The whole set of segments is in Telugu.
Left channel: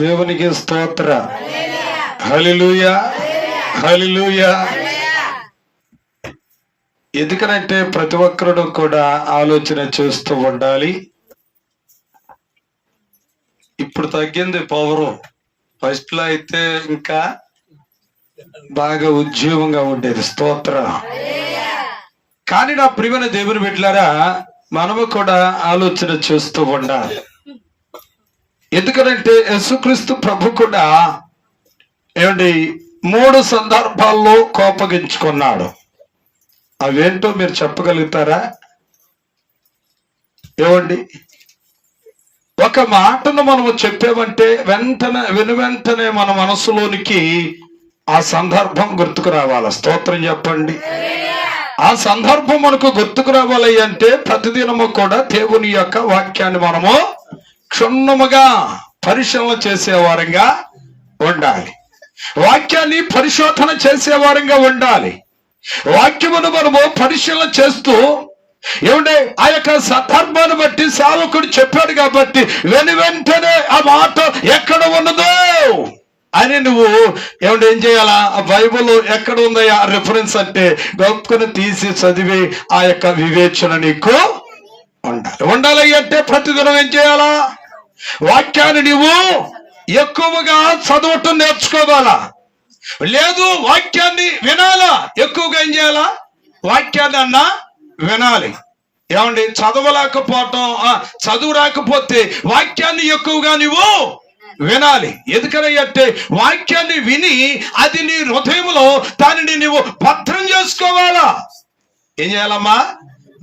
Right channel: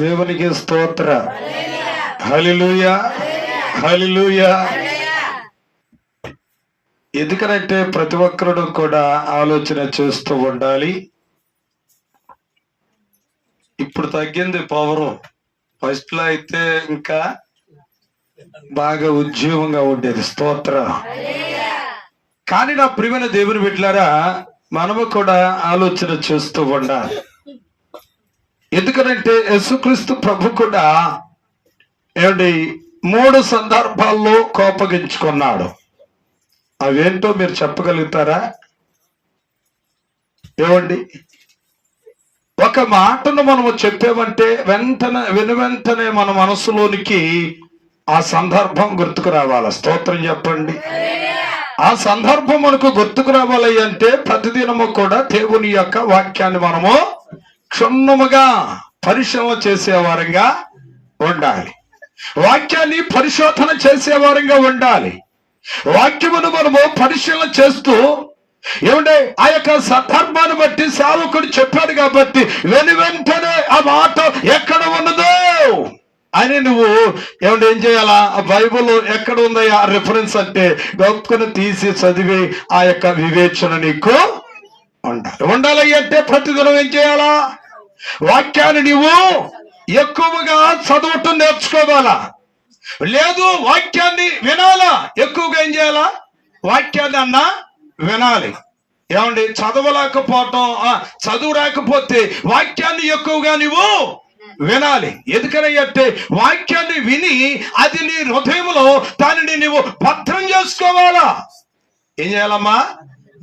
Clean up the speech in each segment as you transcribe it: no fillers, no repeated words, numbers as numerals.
దేవునికి స్తోత్ర. హల్లెలూయా, హల్లెలూయా. ఎందుకనంటే ప్రతి ఒక్కరు కూడా ఆలోచన చేస్తూ ఉండాలి. ఇప్పుడు తగ్గింది పవరు. ఫస్ట్ లో అయితే ఇంకా బాగా ఉద్యోగంగా ఉండేది. స్తోత్ర. కానీ నా ప్రియమైన దేవుని బిడ్డలారా, మనము కూడా ఆలోచన చేస్తూ ఉండాలి. ఎందుకనంటే యేసుక్రీస్తు ప్రభు కూడా ఏమండి 3 సందర్భాల్లో కోపగించుకున్నాడు. అవేంటో మీరు చెప్పగలుగుతారా? ఏమండి, ఒక మాటను మనము చెప్పామంటే వెంటనే మన మనసులోనికి ఆ సందర్భం గుర్తుకు రావాలి. స్తోత్రం చెప్పండి. ఆ సందర్భం మనకు గుర్తుకు రావాలి అంటే ప్రతిదినము కూడా దేవుని యొక్క వాక్యాన్ని మనము క్షుణ్ణముగా పరిశీలన చేసేవారంగా ఉండాలి. వాక్యాన్ని పరిశోధన చేసేవారంగా ఉండాలి. వాక్యమును మనము పరిశీలన చేస్తూ ఏమంటే ఆ యొక్క సందర్భాన్ని బట్టి సేవకుడు చెప్పాడు కాబట్టి వెంటనే ఆ మాట ఎక్కడ ఉన్నదో అని నువ్వు ఏమంటే ఏం చేయాలా? ఆ బైబుల్ ఎక్కడ ఉందయ్యా రిఫరెన్స్ అంటే గొప్పని తీసి చదివి ఆ యొక్క వివేచన నీకు ఉండాలి అంటే ప్రతిదినం ఏం చేయాలా? వాక్యాన్ని నీవు ఎక్కువగా చదవటం నేర్చుకోవాలా. లేదు వాక్యాన్ని వినాలా, ఎక్కువగా ఏం చేయాలా? వాక్యాన్ని అన్నా వినాలి. ఏమండి, చదవలేకపోవటం, చదువు రాకపోతే వాక్యాన్ని ఎక్కువగా నువ్వు వినాలి. ఎందుకనంటే వాక్యాన్ని విని అది నీ హృదయంలో దానిని నువ్వు భద్రం చేసుకోవాలా. ఏం చేయాలమ్మా?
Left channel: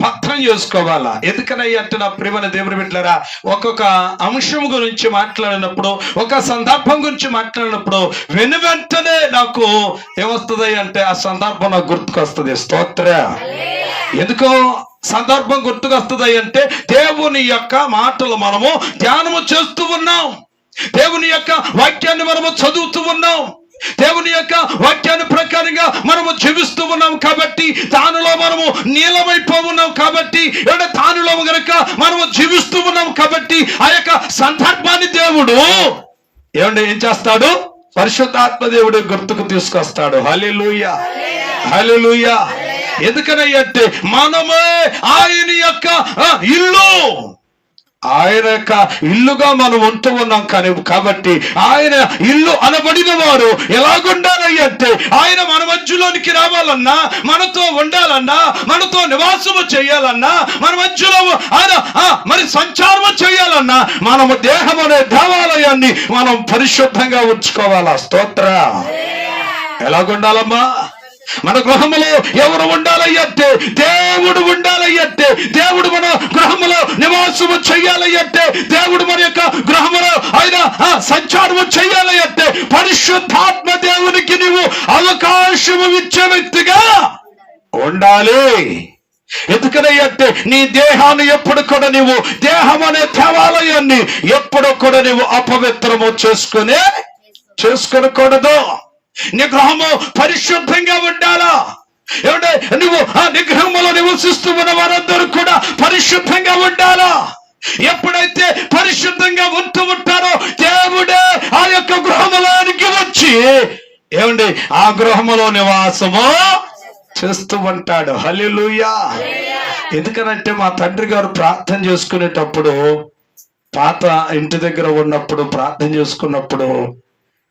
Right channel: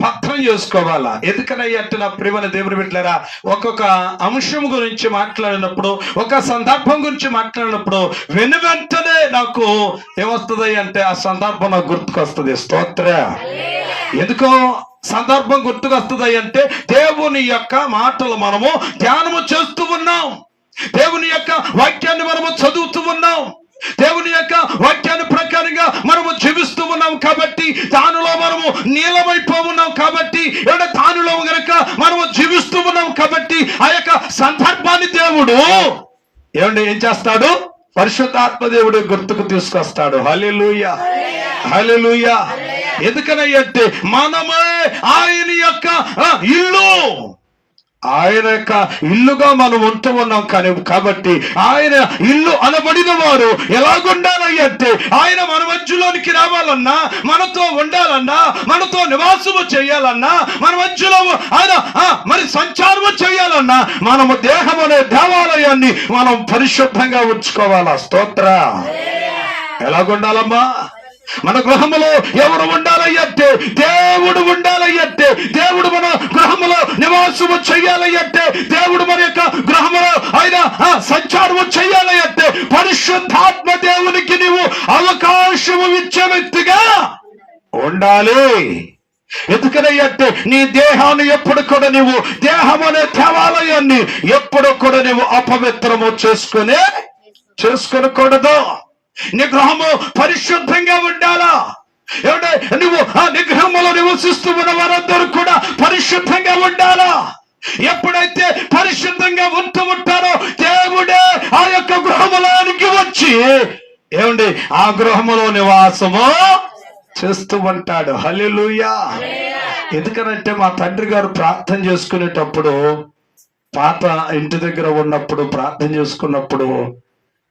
భద్రం చేసుకోవాలా. ఎందుకనంటే నా ప్రియమైన దేవుని బిడ్డలారా, ఒక్కొక్క అంశం గురించి మాట్లాడినప్పుడు, ఒక సందర్భం గురించి మాట్లాడినప్పుడు వెంటనే నాకు ఏమొస్తుంది అంటే ఆ సందర్భం నాకు గుర్తుకొస్తుంది. స్తోత్ర. ఎందుకో సందర్భం గుర్తుకొస్తుంది అంటే దేవుని యొక్క మాటలు మనము ధ్యానము చేస్తూ ఉన్నాం, దేవుని యొక్క వాక్యాన్ని మనము చదువుతూ ఉన్నాం, దేవుని యొక్క వాక్యాన్ని ప్రకారంగా మనము జీవిస్తూ ఉన్నాం కాబట్టి దానిలో మనము నీలమైపోతున్నాం కాబట్టి దానిలో గనక మనము జీవిస్తూ ఉన్నాం కాబట్టి ఆ యొక్క సందర్భాన్ని దేవుడు ఏం చేస్తాడు? పరిశుద్ధాత్మ దేవుడు గుర్తుకు తీసుకొస్తాడు. హల్లెలూయా, హల్లెలూయా. ఎందుకనంటే మనమే ఆయన యొక్క ఇల్లు, ఆయన యొక్క ఇల్లుగా మనం ఉంటూ ఉన్నాం కాబట్టి ఆయన ఇల్లు అనబడిన వారు ఎలాగుండాలంటే ఆయన మన మధ్యలోనికి రావాలన్నా, మనతో ఉండాలన్నా, మనతో నివాసము చేయాలన్నా, మన మధ్యలో ఆయన మరి సంచారము చేయాలన్నా మనము దేహం అనే దేవాలయాన్ని మనం పరిశుద్ధంగా ఉంచుకోవాలా. స్తోత్ర. ఎలాగుండాలమ్మా? మన గృహములో ఎవరు ఉండాలంటే దేవుడు ఉండాలంటే, దేవుడు మన గృహములో నివాసము చెయ్యాలంటే, దేవుడు మన యొక్క గృహములో ఆయన సంచారము చెయ్యాలంటే పరిశుద్ధాత్మ దేవునికి నీవు అవకాశము ఇచ్చే వ్యక్తిగా ఉండాలి. ఎందుకనంటే నీ దేహాన్ని ఎప్పుడు కూడా నీవు దేహం అనే దేవాలయాన్ని ఎప్పుడు కూడా నీవు అపవిత్రము చేసుకోనకూడదు. నీ గృహము పరిశుద్ధంగా ఉండాలా. ఏమంటే నువ్వు ఆ నిగ్రహంలో నివసిస్తూ ఉన్న వారందరూ కూడా పరిశుద్ధంగా ఉండాలా. ఎప్పుడైతే పరిశుద్ధంగా ఉంటూ ఉంటారో దేవుడే ఆ యొక్క గృహములోనికి వచ్చి ఏమండి ఆ గృహములో నివాసము చేస్తూ ఉంటాడు. హల్లెలూయా. ఎందుకనంటే మా తండ్రి గారు ప్రార్థన చేసుకునేటప్పుడు, పాత ఇంటి దగ్గర ఉన్నప్పుడు ప్రార్థన చేసుకున్నప్పుడు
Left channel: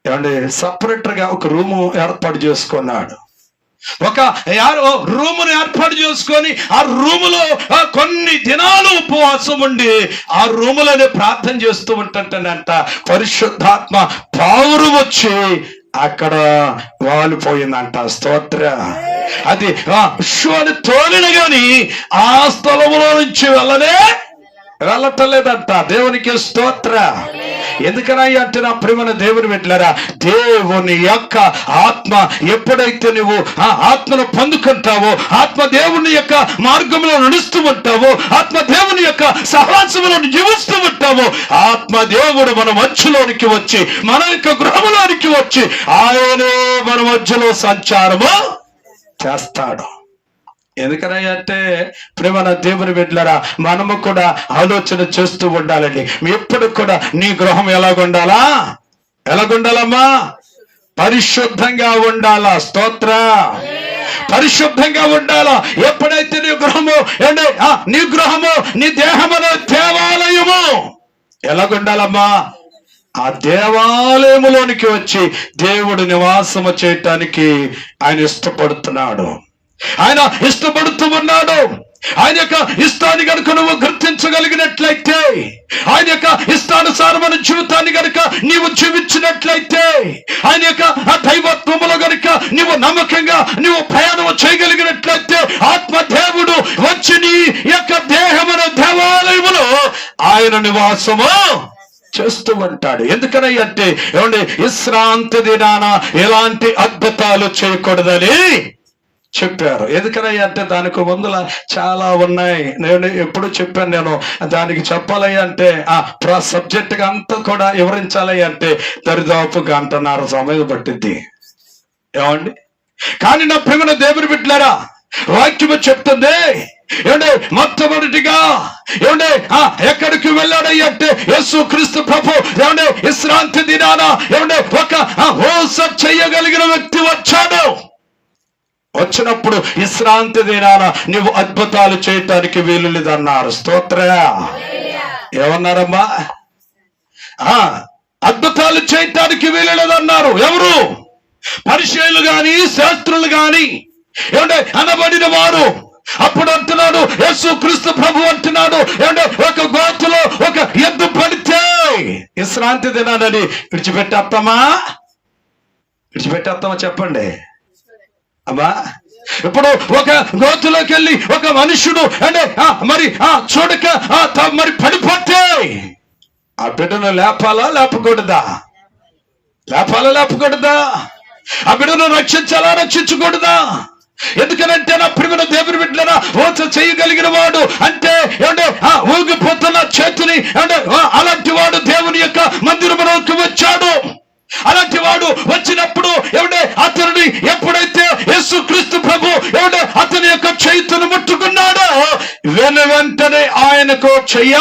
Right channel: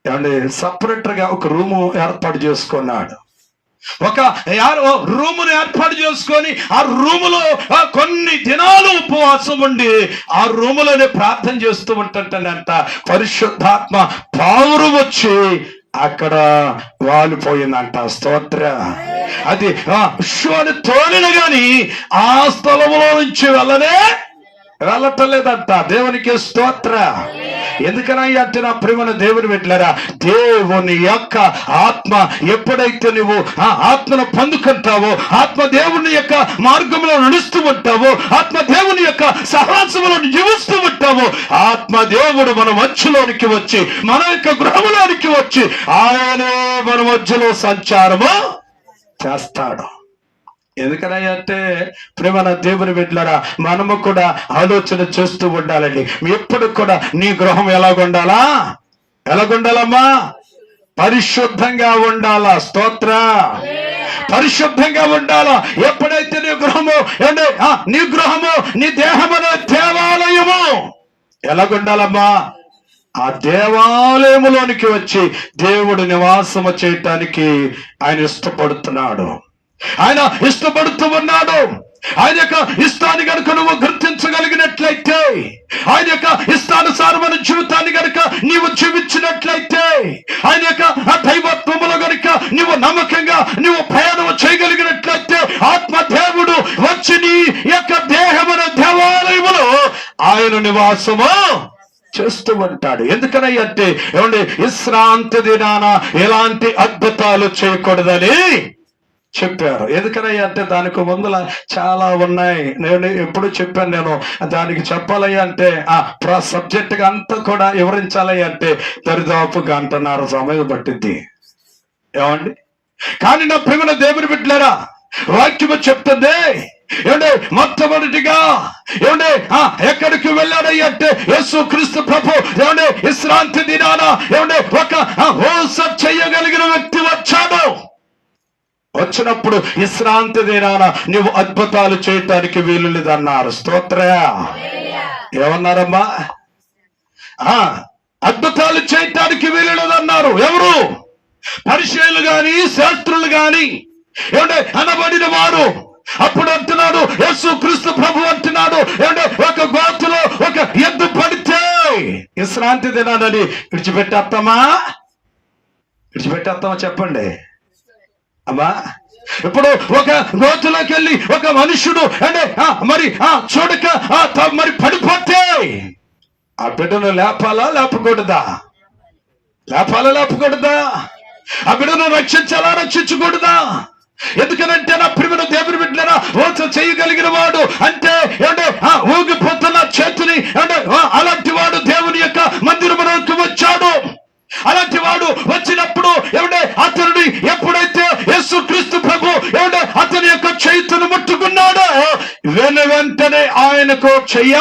ఏమంటే సపరేట్ గా ఒక రూము ఏర్పాటు చేసుకున్నాడు. ఒక రూమును ఏర్పాటు చేసుకొని ఆ రూములో కొన్ని దినాలు ఉపవాసం ఉండి ఆ రూములోనే ప్రార్థన చేస్తూ ఉంటుంటానంట. పరిశుద్ధాత్మ పావురు వచ్చి అక్కడ వాలిపోయిందంట. స్తోత్ర. అది విశ్వాన్ని తోలిన గాని ఆ స్థలంలో నుంచి వెళ్ళటలేదంట. దేవునికి స్తోత్ర. ఎందుకనంటే నా ప్రియమైన దేవుని బిడ్డలారా, దేవుని యొక్క ఆత్మ ఎప్పుడైతే నువ్వు ఆ ఆత్మను పొందుకుంటావో, ఆత్మ దేవుని యొక్క మార్గంలో నడుస్తూ ఉంటావో, ఆత్మ దేవుని యొక్క సహవాసంలో జీవిస్తూ ఉంటావో, ఆత్మ దేవుడు మన మధ్యలోనికి వచ్చి మన యొక్క గృహంలోనికి వచ్చి ఆయనే మన మధ్యలో సంచారము చేస్తాడు. ఎందుకనంటే ప్రేమ దేవుని బిడ్డలారా, మనము కూడా ఆలోచన చేస్తూ ఉండాలండి. ఎప్పుడు కూడా నీ గృహం ఎలాగుండాలమ్మా? పరిశుద్ధంగా ఉండాలా. స్తోత్ర. పరిశుద్ధంగా ఉండాలా. ఎప్పుడైతే నీ గృహము నీ దేహములో దేవాలయము ఎలాగుండాలమ్మా? ఆ దేవాలయములోనికి వచ్చి దేవుడు నివాసము చేయటానికి ఆయన ఇష్టపడుతున్నాడు. ఆయన ఇష్టపడుతూ ఉన్నాడు. ఆయన యొక్క ఇష్టాన్ని కనుక నువ్వు గుర్తించగలిగినట్లయితే, ఆయన యొక్క ఇష్టానుసారమైన జీవితాన్ని కనుక నీవు జీవించినట్లయితే, ఆయన యొక్క ఆ దైవత్వములో కనుక నీవు నమ్మకంగా నువ్వు ప్రయాణం చేయగలిగినట్లయితే, ఆత్మదేవుడు వచ్చి నీ యొక్క దేహమున దేవాలయములో ఆయన నివాసము చేస్తూ ఉంటాడు. ఎందుకనంటే ఏమండి, విశ్రాంతి దినాన ఎలాంటి అద్భుతాలు చేయకూడదని చెప్పారు. ఎందుకనంటే దానికి ముందుల చాలా ఉన్నాయి. నేను ఎప్పుడు చెప్పాను, నేను దానికి చెప్పాలి అంటే సబ్జెక్ట్ గా అంతా కూడా వివరించాలి అంటే దరిదాపు 1.5 గంట సమయం పట్టిద్ది. ఏమండి, కానీ నా ప్రియమైన దేవుని బిడ్డలారా, వాక్యము చెప్తుంది ఏమంటే మొట్టమొదటిగా ఏమంటే ఎక్కడికి వెళ్ళాడంటే యేసు క్రీస్తు ప్రభు ఏమంటే విశ్రాంతి దినాన ఏమంటే ఒక హోస చేయగలిగిన వ్యక్తి వచ్చాడు. వచ్చినప్పుడు విశ్రాంతి దినాన నువ్వు అద్భుతాలు చేయటానికి వీలు లేదన్నారు. స్తోత్ర. ఏమన్నారమ్మా? అద్భుతాలు చేయటానికి వీలు లేదన్నారు. ఎవరు? పరిచయులు గాని శాస్త్రులు గాని ఏమంటే అనబడిన వారు. అప్పుడు అంటున్నాడు యేసు క్రీస్తు ప్రభు అంటున్నాడు ఏమంటే ఒక గోతులో ఒక ఎద్దు పడితే విశ్రాంతి దినాలని విడిచిపెట్టేస్తామా చెప్పండి అమ్మా. ఇప్పుడు ఒక గోతులోకి వెళ్ళి ఒక మనుషుడు అంటే మరి చూడక మరి పడిపోతే ఆ బిడ్డను లేపాలా లేపకూడదా? ఆ బిడ్డను రక్షించకూడదా? ఎందుకనంటే నా ప్రియమైన దేవుని బిడ్డలారా, ఓచ చేయగలిగిన వాడు అంటే ఏమంటే ఊగిపోతున్న చేతిని అంటే అలాంటి వాడు దేవుని యొక్క మందిరములోకి వచ్చాడు. అలాంటి వాడు వచ్చినప్పుడు ఏమంటే అతనిని ఎప్పుడైతే యేసు క్రీస్తు ప్రభు ఏమంటే అతని యొక్క చేతును ముట్టుకున్నాడో వెంటనే ఆయనకు చెయ్య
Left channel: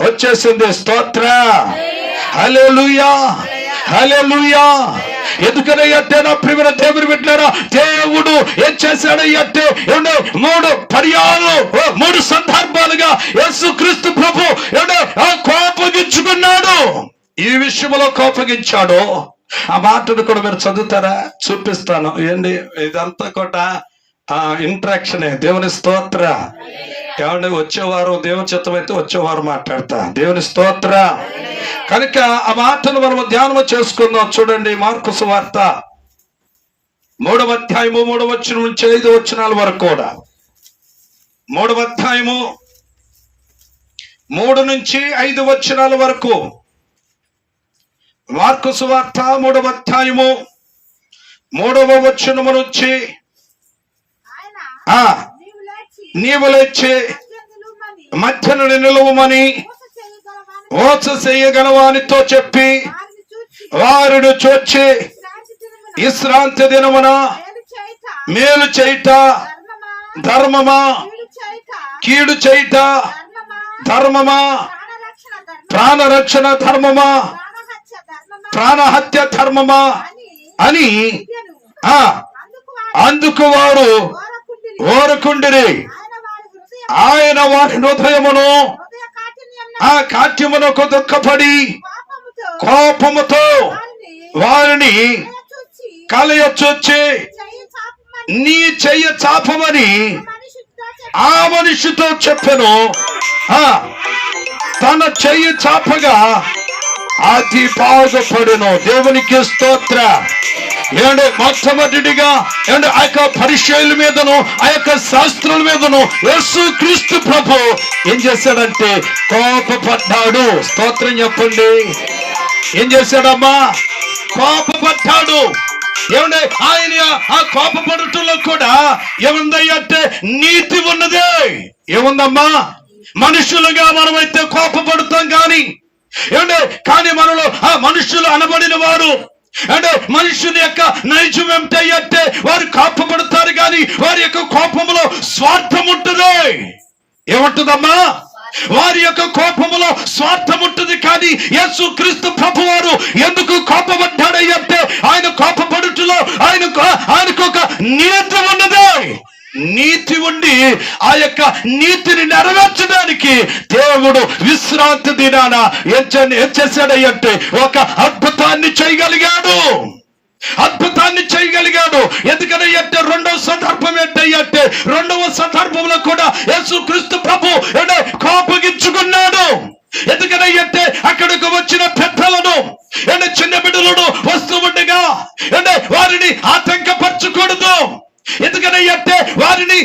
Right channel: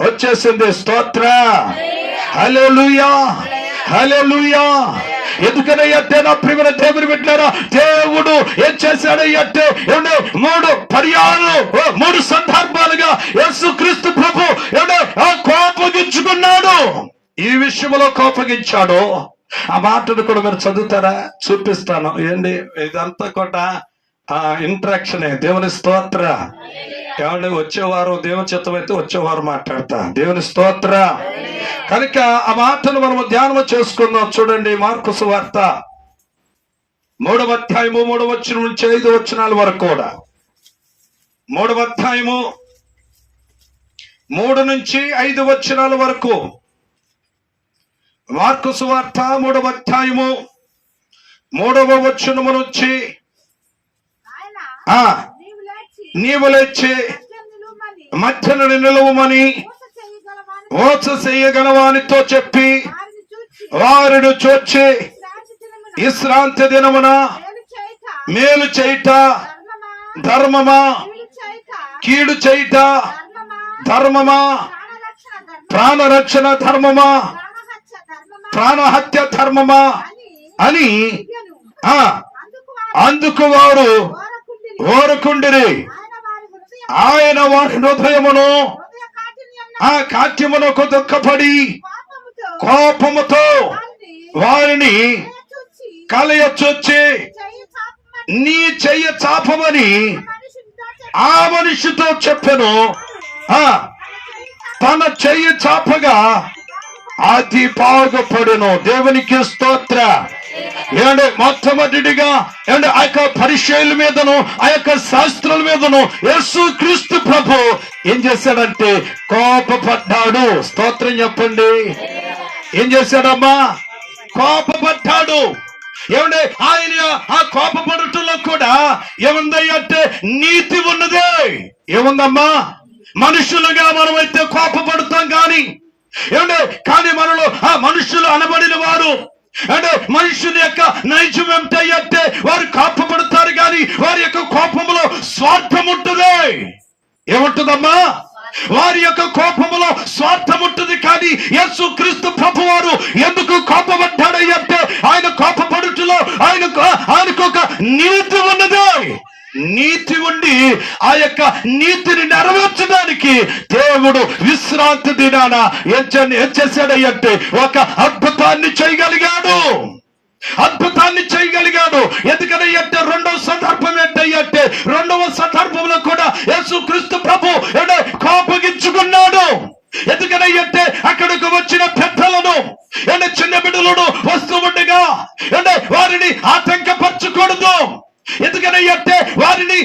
వచ్చేసింది. స్తోత్ర. హల్లెలూయా, హల్లెలూయా. ఎందుకనంటే నా ప్రియమైన దేవుని బిడ్డలారా, దేవుడు ఏం చేశాడంటే 3 పర్యాలు 3 సందర్భాలుగా యేసు క్రీస్తు ప్రభు కోపగించుకున్నాడు. ఈ విషయంలో కోపగించాడు. ఆ మాటను కూడా మీరు చదువుతారా? చూపిస్తాను. ఏంటి ఇదంతా కూడా ఇంట్రాక్షనే. దేవుని స్తోత్ర. ఏమంటే వచ్చేవారు దేవుని చిత్తం అయితే వచ్చేవారు మాట్లాడతా. దేవుని స్తోత్ర. కనుక ఆ మాటను మనం ధ్యానం చేసుకుందాం. చూడండి, మార్కు సువార్త 3వ అధ్యాయము 3వ వచనం నుంచి 5వ వచనాల వరకు కూడా. 3వ అధ్యాయము 3 నుంచి 5 వచనాల వరకు. మార్కు సువార్త 3వ అధ్యాయము 3వ వచనము నుంచి నీవు లేచి మధ్యను నిలువమని ఓచ చేయగలవానితో చెప్పి వారిని చూచి విశ్రాంతి దినమున మేలు చేయుట ధర్మమా, కీడు చేయుట ధర్మమా, ప్రాణరక్షణ ధర్మమా, ప్రాణహత్య ధర్మమా అని అందుకు వారు ఓరకుండిరి. ఆయన వారి హృదయమును కాఠిన్యమునకు దుఃఖపడి కోపముతో వారిని కలయొచ్చి నీ చెయ్య చాపమని ఆ మనిషితో చెప్పెను. తన చెయ్యి చాపగా అది బాగుపడును. దేవునికి స్తోత్ర. ఏమంటే మొట్టమొదటిగా ఏమంటే ఆ యొక్క పరిచయుల మీదను ఆ యొక్క శాస్త్రుల మీదను యేసు క్రీస్తు ప్రభు ఏం చేశాడంటే కోపపడ్డాడు. స్తోత్రం చెప్పండి. ఏం చేశాడమ్మా? కోపపడ్డాడు. ఏమంటే ఆయన ఆ కోపపడటంలో కూడా ఏముందంటే నీతి ఉన్నదే. ఏముందమ్మా? మనుషులుగా మనమైతే కోపపడతాం కానీ ఏమంటే కానీ మనలో ఆ మనుషులు అనబడిన వారు అంటే మనుషుని యొక్క నైజం ఏమిటంటే వారు కోపపడతారు కానీ వారి యొక్క కోపంలో స్వార్థం ఉంటుంది. ఏముంటుందమ్మా? వారి యొక్క కోపములో స్వార్థం ఉంటుంది. కానీ యేసు క్రీస్తు ప్రభు వారు ఎందుకు కోపపడ్డాడంటే ఆయన కోపపడుటలో ఆయనకు ఒక నీతి ఉన్నది. నీతి ఉండి ఆ యొక్క నీతిని నెరవేర్చడానికి దేవుడు విశ్రాంతి దినాన ఏం చేశాడంటే ఒక అద్భుతాన్ని చేయగలిగాడు. ఎందుకంటే రెండవ సందర్భం ఏంటంటే రెండవ సందర్భంలో కూడా యేసు క్రీస్తు ప్రభు కోపగించుకున్నాడు. ఎందుకంటే అక్కడికి వచ్చిన పెద్దలను చిన్న బిడ్డలను వస్తూ ఉండగా వారిని ఆటంకపరచకూడదు. ఎందుకంటే వారిని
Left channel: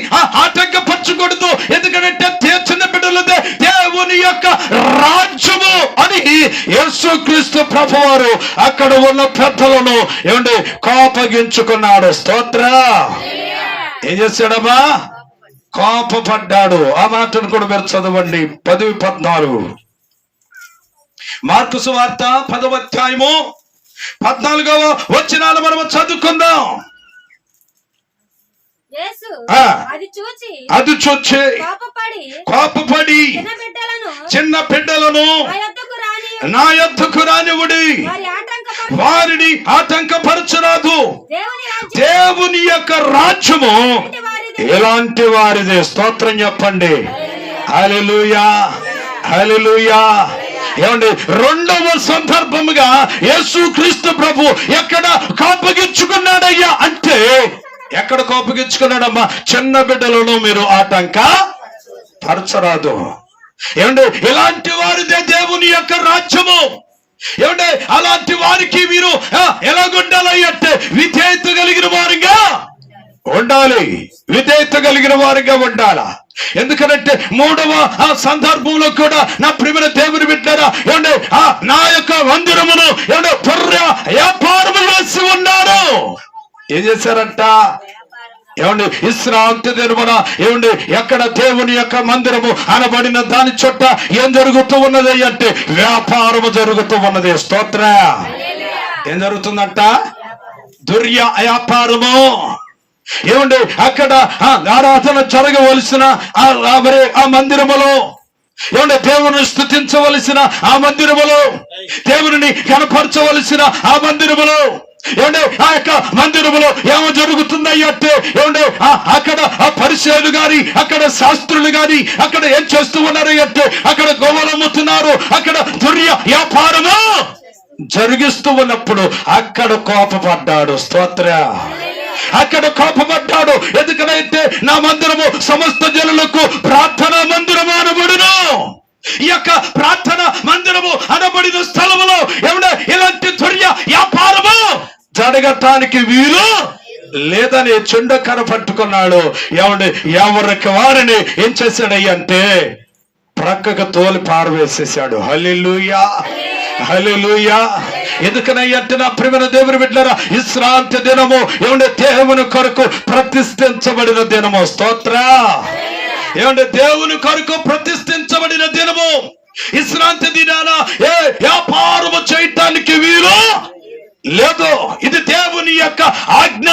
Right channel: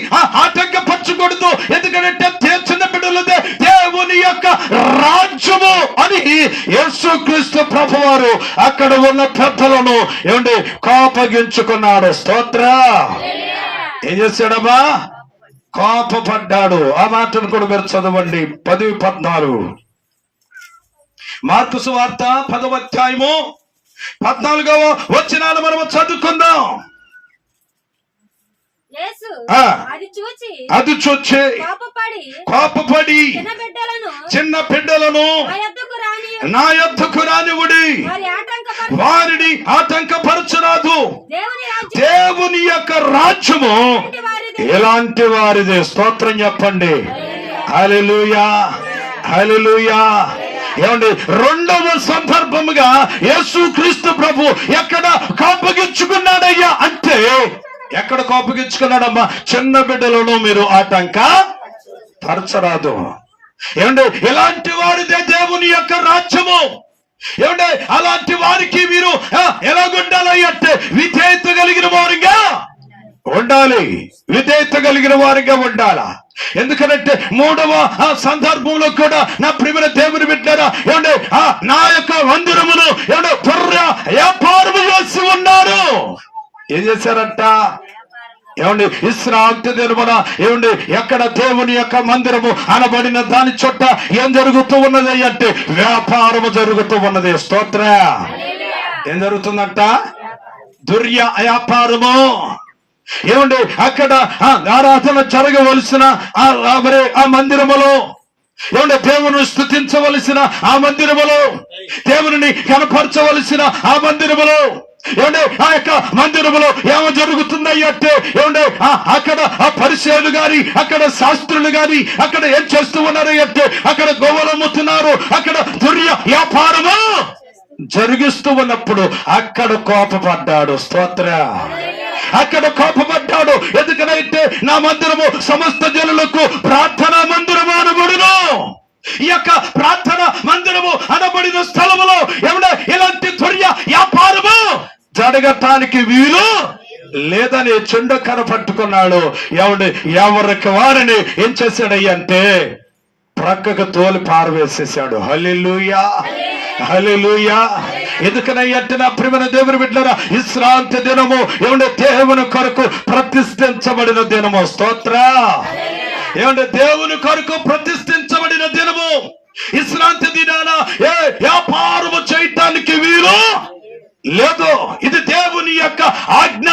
ఆటంకపరచకూడదు. ఎందుకంటే చిన్న బిడ్డలదే దేవుని యొక్క రాజ్యము అని యేసు క్రీస్తు ప్రభు వారు అక్కడ ఉన్న పెద్దలను కోపగించుకున్నాడు. స్తోత్ర. ఏం చేశాడమ్మా? కోపపడ్డాడు. ఆ మాటను కూడా మీరు చదవండి. 10-14 మార్కు సువార్త 10వ అధ్యాయము 14వ వచనాలు మనము చదువుకుందాం. అది చూచి కోపపడి చిన్న బిడ్డలను నా యొద్దకు రానివ్వుడి, వారిని ఆటంకపరచరాదు. దేవుని యొక్క రాజ్యము ఎలాంటి వారిదే. స్తోత్రం చెప్పండి. హల్లెలూయా, హల్లెలూయా. ఏమండి? రెండవ సందర్భముగా యేసు క్రీస్తు ప్రభు ఎక్కడ కోపగించుకున్నాడయ్యా అంటే ఎక్కడ కోపగించుకున్నాడమ్మా? చిన్న బిడ్డలను మీరు ఆటంక పరచరాదు. ఏమంటే ఎలాంటి వారిదే దేవుని యొక్క రాజ్యము. ఏమంటే అలాంటి వారికి మీరు ఎలాగుండాలి అంటే విధేయత కలిగిన వారిగా ఉండాలి. విధేయత కలిగిన వారిగా ఉండాలా. ఎందుకంటే మూడవ సందర్భంలో కూడా నా ప్రియమైన దేవుని బిడ్డలారా, ఏమంటే నా యొక్క మందిరమును వ్యాపారం చేసి ఉన్నారు. ఏం చేశారంట? ఏమండి? విశ్రాంతి దినమున ఎక్కడ దేవుని యొక్క మందిరము అనబడిన దాని చుట్ట ఏం జరుగుతూ ఉన్నది అంటే వ్యాపారము జరుగుతూ ఉన్నది. స్తోత్ర. ఏం జరుగుతుందంట? వ్యాపారము. ఏమండి? అక్కడ ఆరాధన జరగవలసిన మరి ఆ మందిరములో దేవుని స్తుతించవలసిన ఆ మందిరములో, దేవుని కనపరచవలసిన ఆ మందిరములో ఆ యొక్క మందిరములో ఏమో జరుగుతున్నాయంటే అక్కడ పరిచయాలు గాని అక్కడ శాస్త్రులు గాని అక్కడ ఏం చేస్తూ ఉన్నారు అంటే అక్కడ గోవలమ్ముతున్నారు. అక్కడ వ్యాపారము జరిగిస్తూ ఉన్నప్పుడు అక్కడ కోపపడ్డాడు. స్తోత్ర. అక్కడ కోపపడ్డాడు. ఎందుకనైతే నా మందిరము సమస్త జనులకు ప్రార్థనా మందిరము అనబడును. ఈ యొక్క ప్రార్థన మందిరము అనబడిన స్థలములో ఇలాంటి వ్యాపారము జరగటానికి వీలు లేదని చెండకర పట్టుకున్నాడు. ఎవరికి వారిని ఏం చేశాడయ్యంటే ప్రక్కకు తోలి పారవేసేశాడు. హల్లెలూయా, హల్లెలూయా. ఎందుకనంటే నా ప్రియమైన దేవుని బిడ్డలారా, విశ్రాంతి దినము దేవుని కొరకు ప్రతిష్ఠించబడిన దినము. స్తోత్ర. దేవుని కొరకు ప్రతిష్ఠించబడిన దినము. విశ్రాంతి దినాన వ్యాపారము చేయటానికి వీలు లేదు. ఇది దేవుని యొక్క ఆజ్ఞ.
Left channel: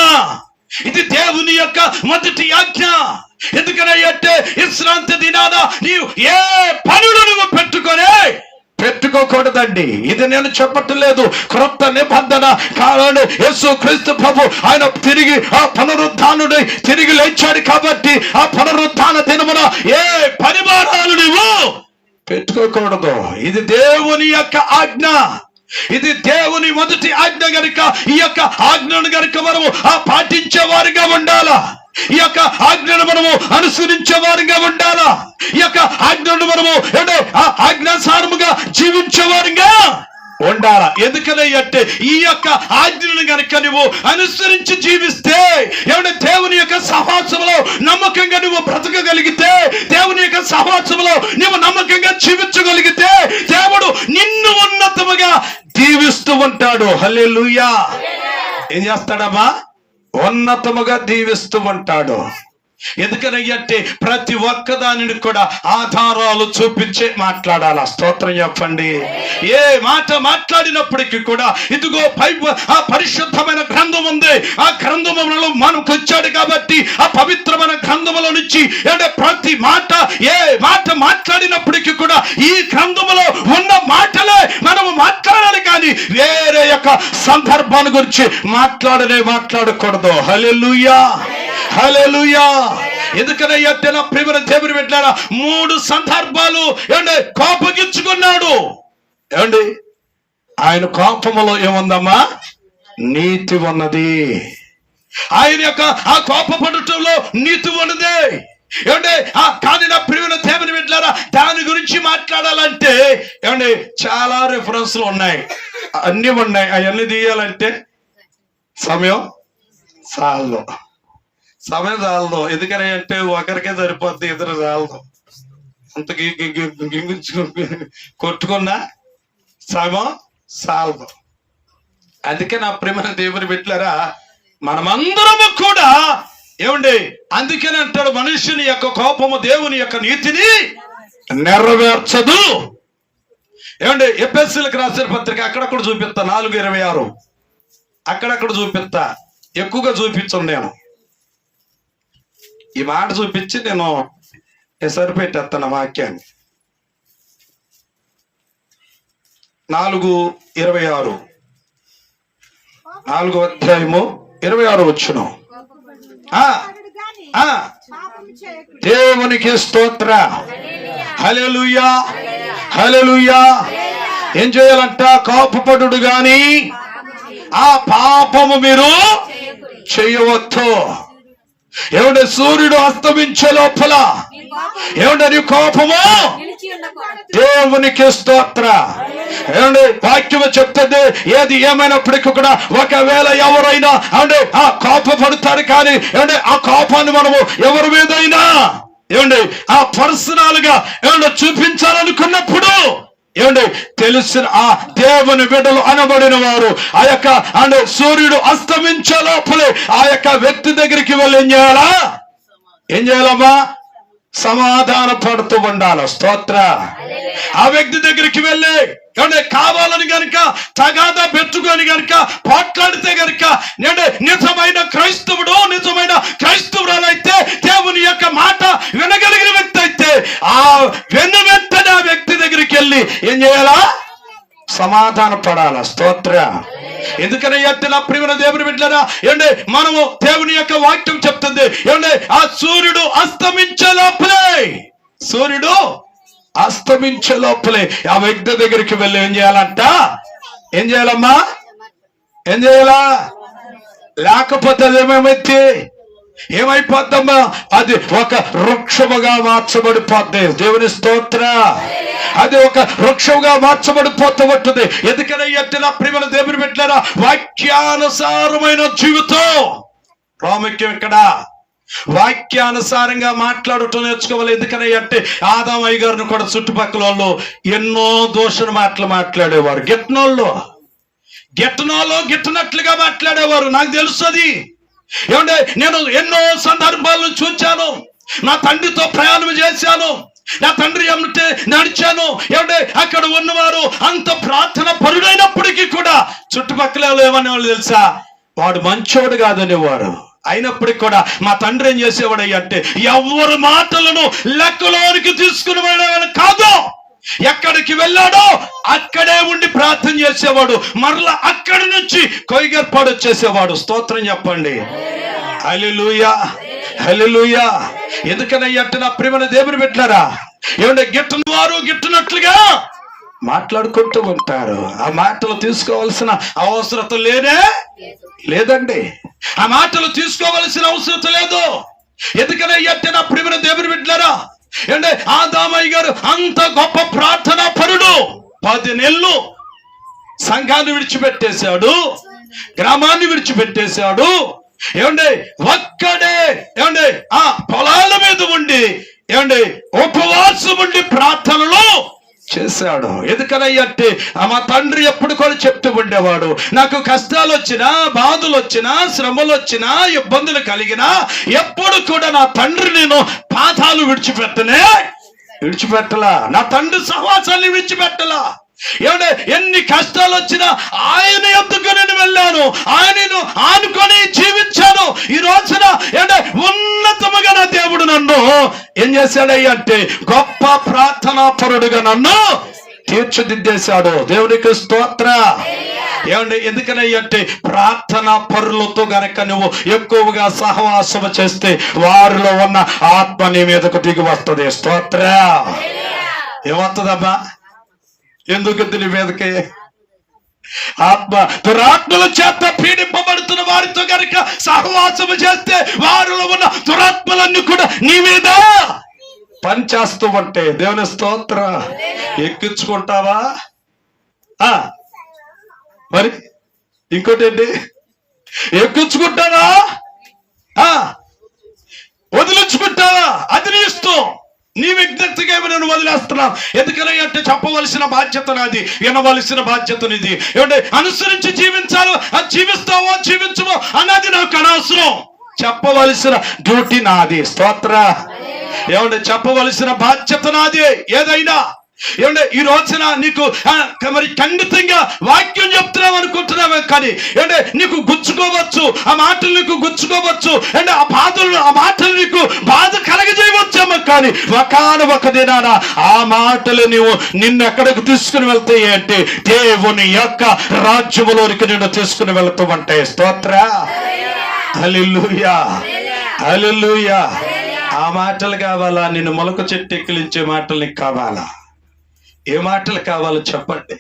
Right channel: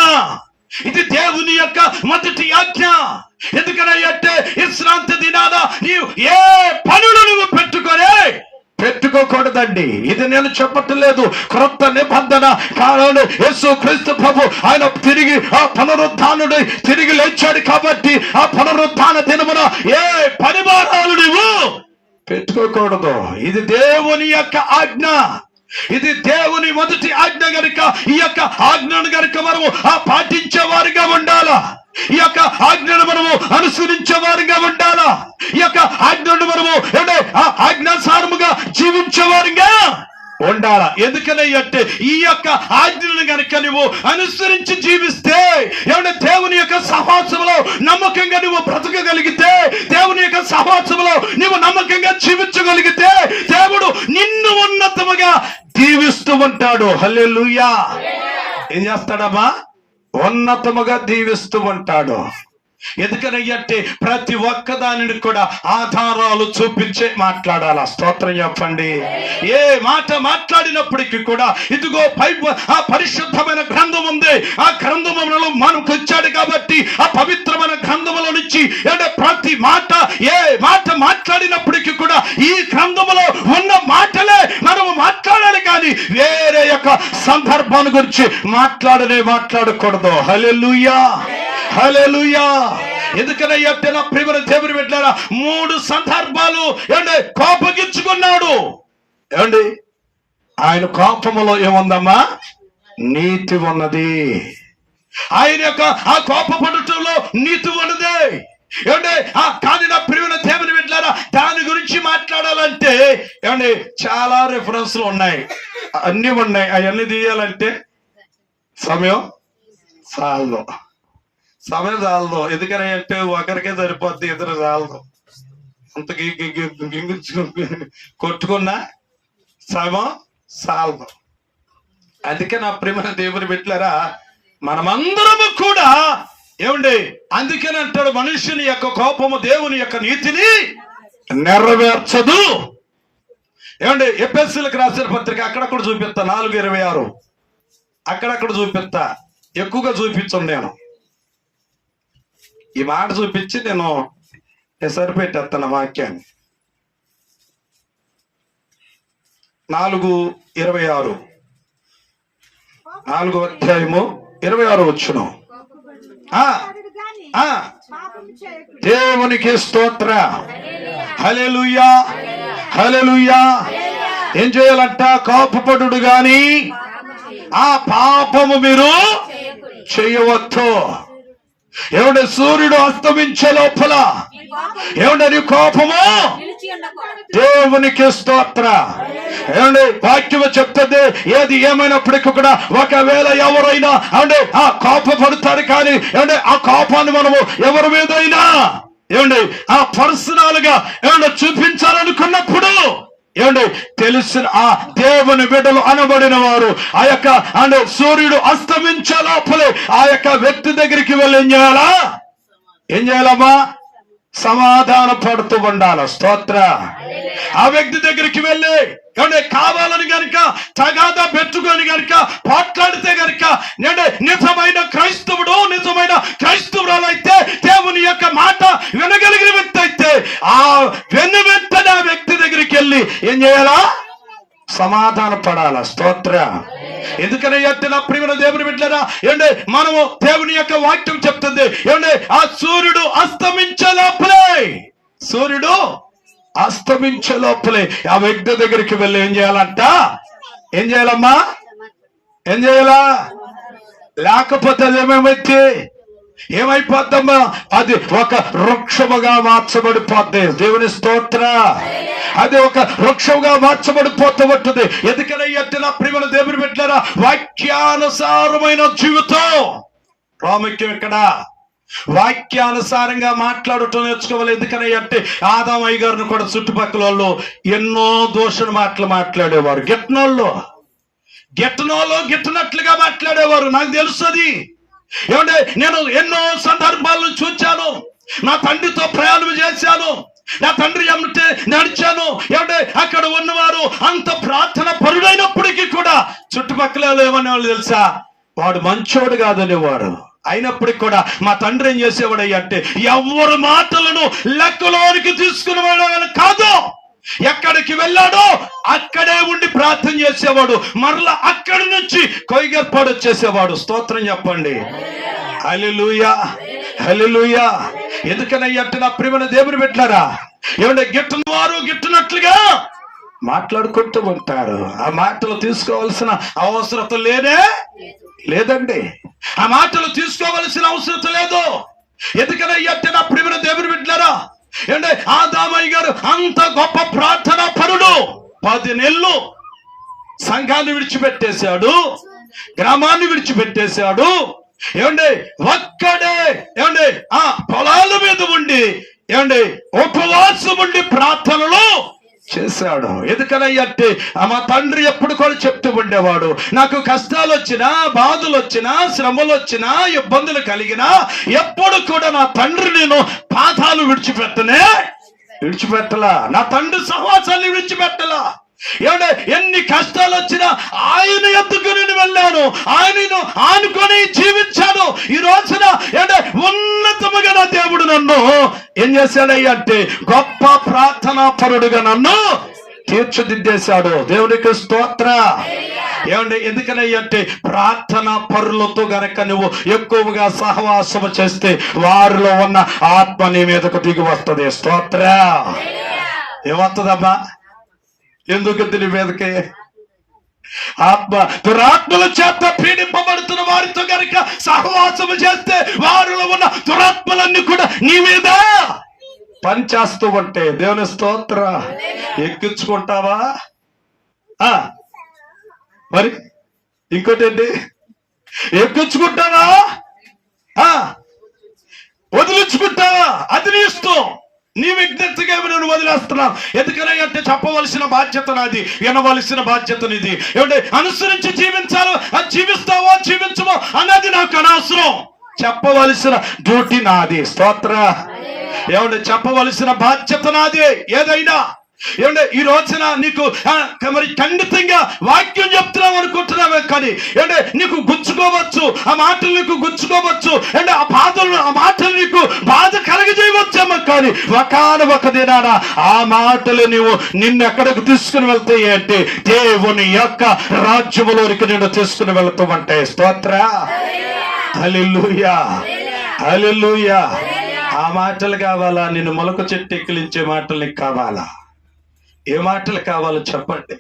ఇది దేవుని యొక్క మొదటి ఆజ్ఞ. ఎందుకనంటే విశ్రాంతి దినాన నీవు ఏ పనులు నువ్వు పెట్టుకోకూడదండి. ఇది నేను చెప్పట్లేదు. క్రొత్త నిబంధన కాలంలో యేసు క్రీస్తు ప్రభు ఆయన తిరిగి పునరుద్ధానుడు తిరిగి లేచాడు కాబట్టి ఆ పునరుద్ధాన దినమున ఏ పనివారాలు నువ్వు పెట్టుకోకూడదు. ఇది దేవుని యొక్క ఆజ్ఞ. ఇది దేవుని మొదటి ఆజ్ఞ గనుక ఈ యొక్క ఆజ్ఞను గనుక మనము పాటించే వారిగా ఉండాలా. ఈ యొక్క ఆజ్ఞను మనము అనుసరించే వారిగా ఉండాలా. ఈ యొక్క ఆజ్ఞను మనము ఆజ్ఞానుసారముగా జీవించే వారిగా ఉండాలా. ఎందుకనంటే ఈ యొక్క ఆజ్ఞను గనుక నువ్వు అనుసరించి జీవిస్తే దేవుని యొక్క సహవాసములో నమ్మకంగా నువ్వు బ్రతకగలిగితే, దేవుని యొక్క సహవాసములో నువ్వు నమ్మకంగా జీవించగలిగితే దేవుడు నిన్ను ఉన్నతముగా దీవిస్తూ ఉంటాడు. హల్లెలూయా. ఏం చేస్తాడమ్మా? ఉన్నతముగా దీవిస్తూ ఉంటాడు. ఎందుకనంటే ప్రతి ఒక్క దానిని కూడా ఆధారాలు చూపించే మాట్లాడాలా. స్తోత్రం చెప్పండి. ఏ మాట మాట్లాడినప్పటికీ కూడా ఇదిగో ఆ పరిశుద్ధమైన గ్రంథం ఉంది, ఆ గ్రంథములో మనకు వచ్చాడు కాబట్టి ఆ పవిత్రమైన గ్రంథముల నుంచి ప్రతి మాట ఏ మాట మాట్లాడినప్పటికీ కూడా ఈ గ్రంథములో ఉన్న మాటలే మనము మాట్లాడాలి, కానీ వేరే యొక్క సందర్భాన్ని గురించి మాట్లాడకూడదు. హల్లెలూయా, హల్లెలూయా. ఎందుకనంటే నా ప్రియమైన దేవుని బిడ్డలారా, 3 సందర్భాలు కోపగించుకున్నాడు. ఆయన కోపములో ఏముందమ్మా? నీతి ఉన్నది. ఆయన యొక్క ఆ కోపపడటంలో నీతి ఉన్నది. కానీ నా ప్రియమైన దేవుని బిడ్డలారా, దాని గురించి మాట్లాడాలంటే చాలా రెఫరెన్స్లు ఉన్నాయి, అన్ని ఉన్నాయి. అవన్నీ తీయాలంటే సమయం చాలదు. ఎందుకని అంటే ఒకరికే సరిపోద్ది, ఇద్దరు చాలదు. అంత కొట్టుకున్నా సమయం చాలదు. అందుకే నా ప్రియమైన దేవుని బిడ్డలారా, మనమందరము కూడా అందుకని అంటాడు, మనుషుని యొక్క కోపము దేవుని యొక్క నీతిని నెరవేర్చదు. ఎఫెసీయులకు రాసిన పత్రిక అక్కడక్కడ చూపిస్తా, 4:26 అక్కడక్కడ చూపిస్తా, ఎక్కువగా చూపించను. నేను ఈ మాట చూపించి నేను సరిపెట్టేస్తాను వాక్యాన్ని. 4:26 4వ అధ్యాయము 26 వచనం. దేవునికి స్తోత్ర. హల్లెలూయా, హల్లెలూయా. ఏం చేయాలంట? కోపపడుడు గాని ఆ పాపము మీరు చేయవద్దు. సూర్యుడు అస్తమించే లోపల నీ కోపము దేవునికి స్తోత్ర. వాక్యము చెప్తుంది, ఏది ఏమైనప్పటికీ కూడా ఒకవేళ ఎవరైనా ఆ కోపపడతారు, కానీ ఆ కోపాన్ని మనము ఎవరి మీదైనా ఆ పర్సనల్ గా చూపించాలనుకున్నప్పుడు తెలిసిన ఆ దేవుని బిడ్డలు అనబడిన వారు ఆ యొక్క సూర్యుడు అస్తమించే లోపలే ఆ యొక్క వ్యక్తి దగ్గరికి వెళ్ళి ఏం చేయాలమ్మా? సమాధాన పడుతూ ఉండాలి. స్తోత్ర. ఆ వ్యక్తి దగ్గరికి వెళ్ళి కావాలని గనుక తగాదా పెట్టుకొని గనుక పోట్లాడితే గనుక నిజమైన క్రైస్తవురాలైతే, దేవుని యొక్క మాట వినగలిగిన వ్యక్తి అయితే ఆ వెంటనే ఆ వ్యక్తి దగ్గరికి వెళ్ళి ఏం చేయాలా? సమాధాన పడాల. స్తోత్ర. ఎందుకని నా ప్రియమైన దేవుని బిడ్డలారా, మనము దేవుని యొక్క వాక్యం చెప్తుంది, ఆ సూర్యుడు అస్తమించే లోపలే ఆ వ్యక్తి దగ్గరికి వెళ్ళి ఏం చేయాలంట? ఏం చేయాలమ్మా? ఏం చేయాలా? లేకపోతే ఏమైపోద్దమ్మా? అది ఒక వృక్షముగా మార్చబడిపోద్ది. దేవుని స్తోత్ర. అది ఒక వృక్షముగా మార్చబడిపోతుంది. ఎందుకని నా ప్రియమైన దేవుని బిడ్డలారా, వాక్యానుసారమైన జీవితం ప్రాముఖ్యం. ఇక్కడ వాక్యానుసారంగా మాట్లాడటం నేర్చుకోవాలి. ఎందుకని అంటే ఆదాము అయ్య గారిని కూడా చుట్టుపక్కల వాళ్ళు ఎన్నో దోషణ మాటలు మాట్లాడేవారు. గిట్టనట్లుగా మాట్లాడేవారు. నాకు తెలుసు అది. నేను ఎన్నో సందర్భాలను చూచాను. నా తండ్రితో ప్రయాణం చేశాను, నా తండ్రి ఏమంటే నడిచాను. అక్కడ ఉన్నవారు అంత ప్రార్థన పరుడైనప్పటికీ కూడా చుట్టుపక్కల ఏమనేవాళ్ళు తెలుసా? వాడు మంచోడు కాదనేవారు. అయినప్పటికీ కూడా మా తండ్రి ఏం చేసేవాడు అంటే ఎవరి మాటలను లెక్కలోనికి తీసుకుని వెళ్ళేవాడు కాదు. ఎక్కడికి వెళ్ళాడో అక్కడే ఉండి ప్రార్థన చేసేవాడు. మరలా అక్కడి నుంచి కొయ్యర్పాడు వచ్చేసేవాడు. స్తోత్రం చెప్పండి. హల్లెలూయా, హల్లెలూయా. ఎందుకనంటే నా ప్రియమైన దేవుని బిడ్డలారా, గిట్టని వారు గిట్టనట్లుగా మాట్లాడుకుంటూ ఉంటారు. ఆ మాటలు తీసుకోవాల్సిన అవసరం లేదండి. ఆ మాటలు తీసుకోవలసిన అవసరం లేదు. ఎందుకనంటే నా ప్రియమైన దేవుని బిడ్డలారా, ఆదామయ్య గారు అంత గొప్ప ప్రార్థనా పరుడు. 10 నెలలు సంఘాన్ని విడిచిపెట్టేశాడు, గ్రామాన్ని విడిచిపెట్టేశాడు. ఒక్కడే ఆ పొలాల మీద ఉండి ఉపవాసం ఉండి ప్రార్థనలో చేశాడు. ఎందుకనంటే మా తండ్రి ఎప్పుడు కూడా చెప్తూ ఉండేవాడు, నాకు కష్టాలు వచ్చినా, బాధలు వచ్చినా, శ్రమలు వచ్చినా, ఇబ్బందులు కలిగినా ఎప్పుడు కూడా నా తండ్రి నేను పాదాలు విడిచిపెట్టలా, నా తండ్రి సహవాసాన్ని విడిచిపెట్టలా. ఏమంటే ఎన్ని కష్టాలు వచ్చినా ఆయన ఎందుకు నేను వెళ్ళాను, ఆయనను ఆనుకొని జీవించాను. ఈ రోజున ఏంటంటే ఉన్నతముగా నా దేవుడు నన్ను ఏం చేశాడయ్య అంటే గొప్ప ప్రార్థనా పరుడుగా నన్ను తీర్చిదిద్దేశాడు. దేవునికి స్తోత్ర. ఏమంటే ఎందుకనంటే ప్రార్థనా పరులతో గనక నువ్వు ఎక్కువగా సహవాసము చేస్తే వారిలో ఉన్న ఆత్మ నీ మీదకు దిగి వస్తుంది. స్తోత్ర. ఏమవుతుందమ్మా? ఎందుకు నీ మీదకి ఆత్మ దురాత్మల చేత పీడింపబడుతున్న వారితో కనుక సహవాసము చేస్తే వారిలో ఉన్న దురాత్మలన్నీ కూడా నీ మీద పనిచేస్తూ ఉంటే దేవుని స్తోత్ర. ఎక్కించుకుంటావా? మరి ఇంకోటి ఏంటి? ఎక్కించుకుంటావా? వదిలించుకుంటావా? అది నీ ఇష్టం. నీ విజ్ఞతగా నేను వదిలేస్తున్నాను. ఎందుకని అంటే చెప్పవలసిన బాధ్యత నాది, వినవలసిన బాధ్యత నీది. ఏమంటే అనుసరించి జీవించాలో అది జీవిస్తావో జీవించవో అన్నది నాకు అనవసరం. చెప్పవలసిన డ్యూటీ నాది. స్తోత్ర. ఏమంటే చెప్పవలసిన బాధ్యత నాది. ఏదైనా ఏమంటే ఈ రోజున నీకు మరి ఖండితంగా వాక్యం చెప్తున్నావు అనుకుంటున్నావే, కానీ ఏంటంటే నీకు గుచ్చుకోవచ్చు, ఆ మాటలు నీకు గుచ్చుకోవచ్చు, అంటే ఆ మాటలు నీకు బాధ కలగజేయవచ్చేమో, కానీ ఒక దినాన ఆ మాటలు నీవు నిన్ను ఎక్కడికి తీసుకుని వెళ్తాయి అంటే దేవుని యొక్క రాజ్యములోనికి నిన్ను తీసుకుని వెళ్తూ ఉంటాయి. స్తోత్ర. హల్లెలూయా, హల్లెలూయా. ఆ మాటలు కావాలా? నిన్ను మొలక చెట్టు ఎక్కిలించే మాటలు నీకు కావాలా? ఏ మాటలు కావాలో చెప్పండి.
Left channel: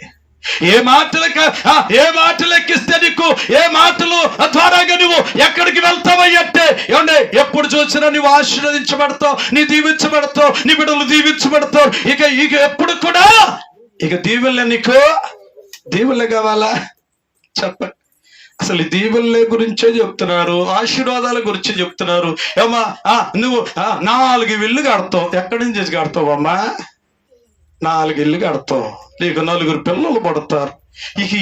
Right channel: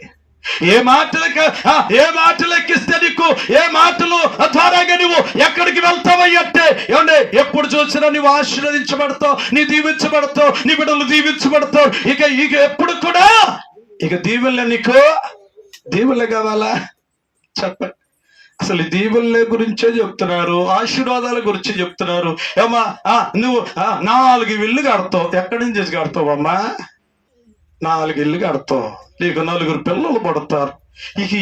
ఏ మాటలు ఎక్కిస్తే నీకు, ఏ మాటలు ద్వారాగా నువ్వు ఎక్కడికి వెళ్తావయ్యంటే ఏమంటే ఎప్పుడు చూసినా నువ్వు ఆశీర్వదించబడతావు, నీ దీవించబడతావు, నీ బిడ్డలు దీవించబడతావు. ఇక ఎప్పుడు కూడా దీవెనలే. నీకు దీవెనలు కావాలా? చెప్పండి. అసలు దీవెనల గురించే చెప్తున్నారు, ఆశీర్వాదాల గురించి చెప్తున్నారు. ఏమా నువ్వు 4 ఇళ్ళు కడతావు. ఎక్కడి నుంచి కడతావమ్మా? 4 ఇళ్ళు కడతావు, నీకు 4 పిల్లలు పడతారు.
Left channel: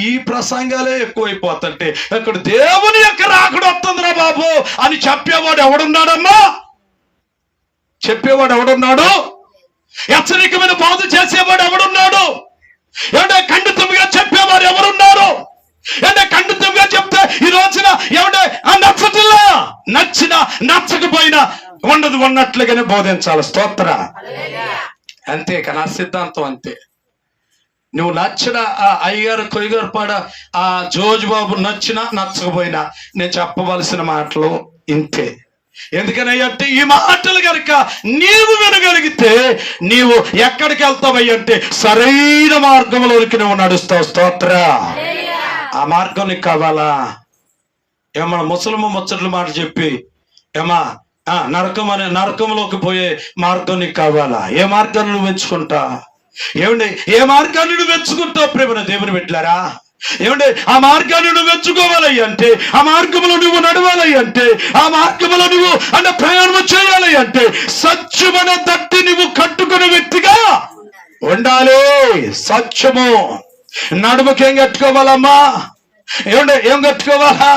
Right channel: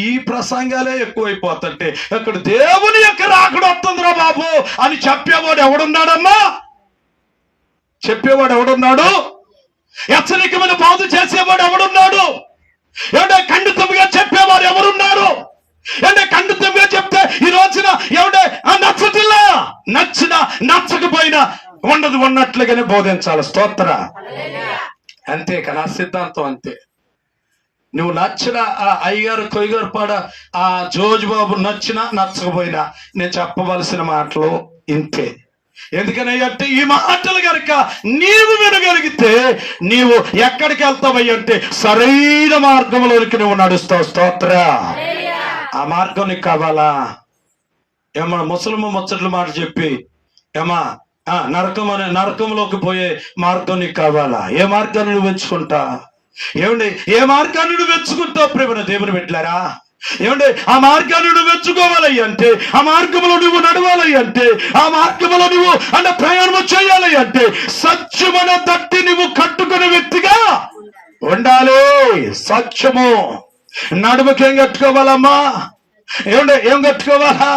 ఈ ప్రసంగాలే ఎక్కువైపోతుంటే అక్కడ దేవుని యొక్క రాకడ వస్తుందిరా బాబు అని చెప్పేవాడు ఎవడున్నాడమ్మా? చెప్పేవాడు ఎవడున్నాడు? హెచ్చరికమైన బాధ చేసేవాడు ఎవడున్నాడు? ఏమంటే ఖండితంగా చెప్పేవాడు ఎవరున్నారు? అంటే ఖండితంగా చెప్తే ఈ రోజున ఏమంటే నచ్చటిలా, నచ్చినా నచ్చకపోయినా ఉన్నట్లుగానే బోధించాలి. స్తోత్ర. అంతే నా సిద్ధాంతం. అంతే. నువ్వు నచ్చిన ఆ అయ్యారు కొయ్యగారు పాడ ఆ జోజు బాబు నచ్చినా నచ్చకపోయినా నేను చెప్పవలసిన మాటలు ఇంతే. ఎందుకనంటే ఈ మాటలు కనుక నీవు వినగలిగితే నీవు ఎక్కడికి వెళ్తావయ్యంటే సరైన మార్గంలోనికి నువ్వు నడుస్తావు. స్తోత్ర. ఆ మార్గం నీకు కావాలా? ఏమన్నా ముసలమ్మ ముచ్చట్లు మాట చెప్పి ఏమా నరకంలోకి పోయే మార్గం నీకు కావాలా? ఏ మార్గాన్ని నువ్వు ఎంచుకుంటా? ఏమండి ఏ మార్గాన్ని నువ్వు ఎంచుకుంటావు? ప్రేమ దేవుని పెట్టారా? ఏమంటే ఆ మార్గాన్ని నువ్వు ఎంచుకోవాలి అంటే, ఆ మార్గంలో నువ్వు నడవాలి అంటే, ఆ మార్గంలో నువ్వు అంటే ప్రయాణం చేయాలి అంటే సత్యమైన దట్టి నువ్వు కట్టుకునే వ్యక్తిగా ఉండాలి. సత్యము. నడుముకి ఏం కట్టుకోవాలమ్మా? ఏమంటే ఏం కట్టుకోవాలా?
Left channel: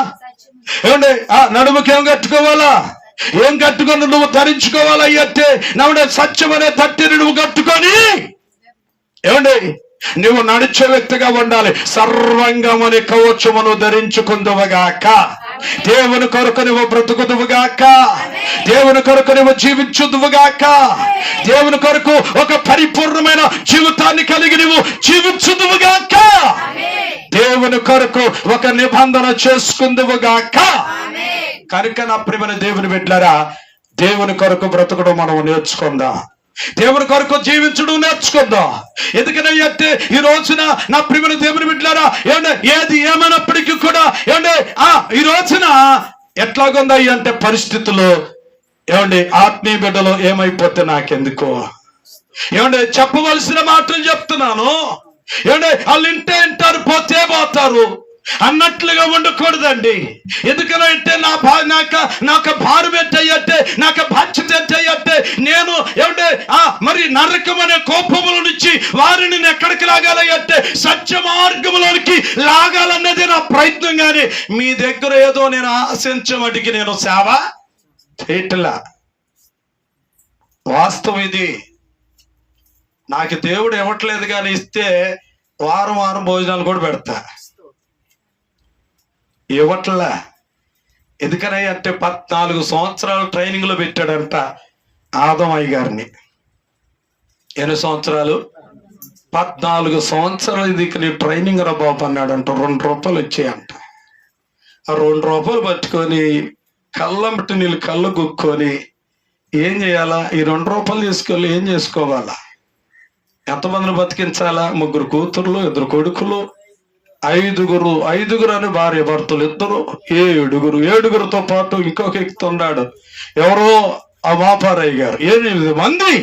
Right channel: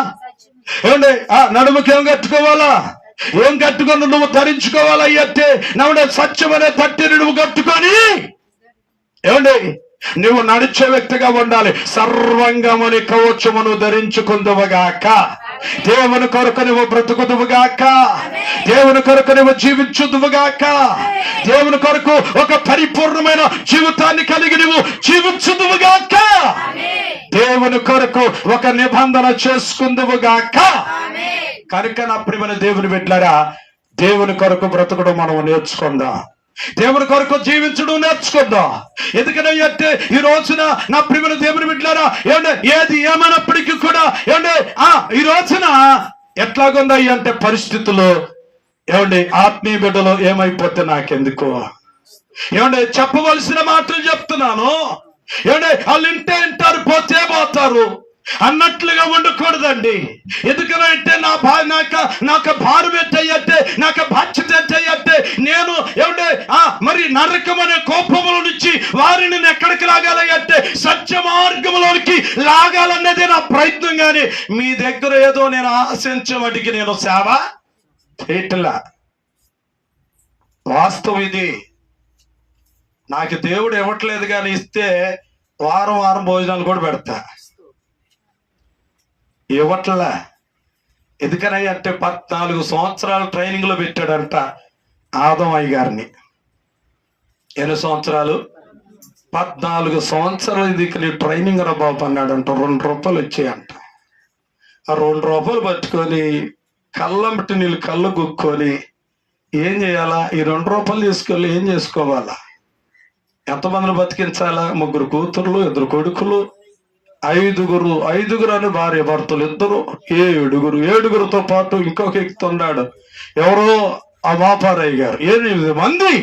ఏమంటే నడుముకి ఏం కట్టుకోవాలా? ఏం కట్టుకొని నువ్వు ధరించుకోవాలి అంటే నవ్వుడే సత్యమనే తట్టిని నువ్వు కట్టుకొని ఏమండి నువ్వు నడిచే వ్యక్తిగా ఉండాలి. సర్వంగమని కవచమును ధరించుకుందువుగాక. దేవుని కొరకు నువ్వు బ్రతుకుదువుగాక. దేవుని కొరకు నువ్వు జీవించుదువుగాక. దేవుని కొరకు ఒక పరిపూర్ణమైన జీవితాన్ని కలిగి నువ్వు జీవించుదువుగాక. దేవుని కొరకు ఒక నిబంధన చేసుకుందువుగాక. కనుక నా ప్రియమైన దేవుని బిడ్డలారా, దేవుని కొరకు బ్రతకడం మనం నేర్చుకుందాం. దేవుని కొరకు జీవించడం నేర్చుకుందాం. ఎందుకంటే ఈ రోజున నా ప్రియమైన దేవుని బిడ్డలారా, ఏది ఏమైనప్పటికీ కూడా ఈ రోజున ఎట్లాగుందయ్యి అంటే పరిస్థితులు ఆత్మీయ బిడ్డలు ఏమైపోతే నాకెందుకు? చెప్పవలసిన మాటలు చెప్తున్నాను. వాళ్ళు ఇంటే వింటారు, పోతే పోతారు. అన్నట్లుగా ఉండకూడదండి. ఎందుకంటే నాకు భారం ఏంటంటే, నాకు బాధ్యత ఏంటంటే, నేను ఏమంటే మరి నరకం అనే కోపముల నుంచి వారిని ఎక్కడికి లాగాలి అంటే సత్య మార్గంలోనికి లాగాలన్నదే నా ప్రయత్నం. కానీ మీ దగ్గర ఏదో నేను ఆశించమటికి నేను సేవ చేయట్లా. వాస్తవం ఇది. నాకు దేవుడు ఇవ్వట్లేదు, కానీ ఇస్తే వారం వారం భోజనాలు కూడా పెడతా. ఇవ్వట్లా. ఎందుకని అంటే 14 సంవత్సరాలు ట్రైనింగ్ లో పెట్టాడంట ఆదమయ్య గారిని. ఎన్ని సంవత్సరాలు? 14 సంవత్సరాలు ఇది ట్రైనింగ్ రా బాబు అన్నాడంట. 2 రూపాయలు వచ్చాయంట. ఆ 2 రూపాయలు పట్టుకొని కళ్ళంబట్టి నీళ్ళు కళ్ళు గుక్కొని ఏం చేయాలా? ఈ 2 రూపాయలు తీసుకెళ్ళి ఏం చేసుకోవాలా? ఎంతమందిని బతికించాలా? 3 కూతుర్లు, 2 కొడుకులు, 5 అని భార్య భర్తలు 2, 7గురితో పాటు ఇంకొక ఎక్కుతున్నాడు ఎవరో ఆ మాపారయ్య గారు. 8 మంది.